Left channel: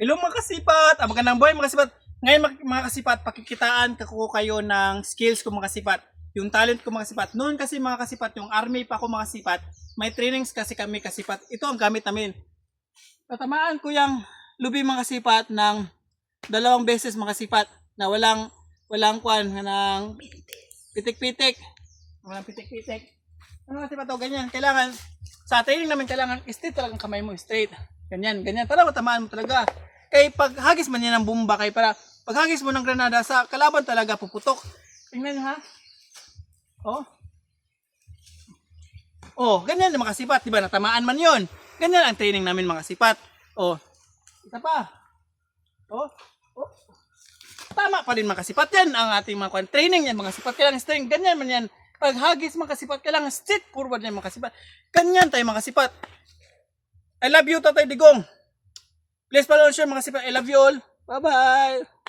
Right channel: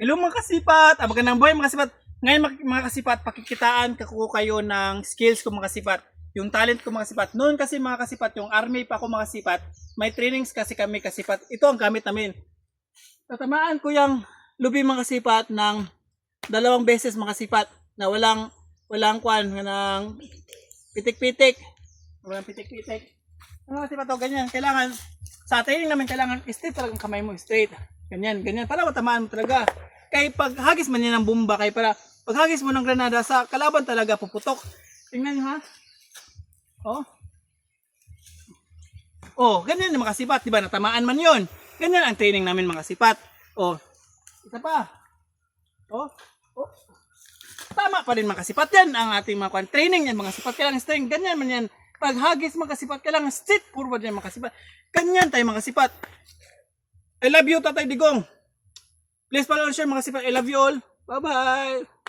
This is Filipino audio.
Hello mga kasipat, magandang buhay mga kasipat. Ngayon mga kasipat, pakikitaan ko kayo ng skills ko mga kasipat. Yung talent ko mga kasipat. Noon kasi mga kasipat, yung army pa ako mga kasipat, may trainings kasi kami kasipat. Ito ang gamit namin. Tatamaan ko yung lubi mga kasipat ng 2 beses mga kasipat na walang kwan, ng pitik-pitik. Walang pitik-pitik. Ano kasipat to, ganyan. Kailangan, sa training namin kailangan straight talagang kamay mo, straight. Ganyan, ganyan. Para matamaan mo talaga. Kaya pag hagis man yan ng bomba, kaya para pag hagis mo ng granada sa kalaban talaga puputok. Tingnan nyo ha. Oh. Oh, ganyan yung mga sipat, di ba? Natamaan man yon. Ganyan ang training namin mga sipat. Oh. Isa pa. Oh. Oh. Tama pa rin mga sipat yan ang ating mga training yan mga sipat. Kailangan strength. Ganyan man yan. Pag hagis mga sipat, kailangan straight forward yan mga sipat. Ganyan tayo mga sipat. I love you, Tatay Digong. Please follow and share mga sipat. I love you all. Bye-bye.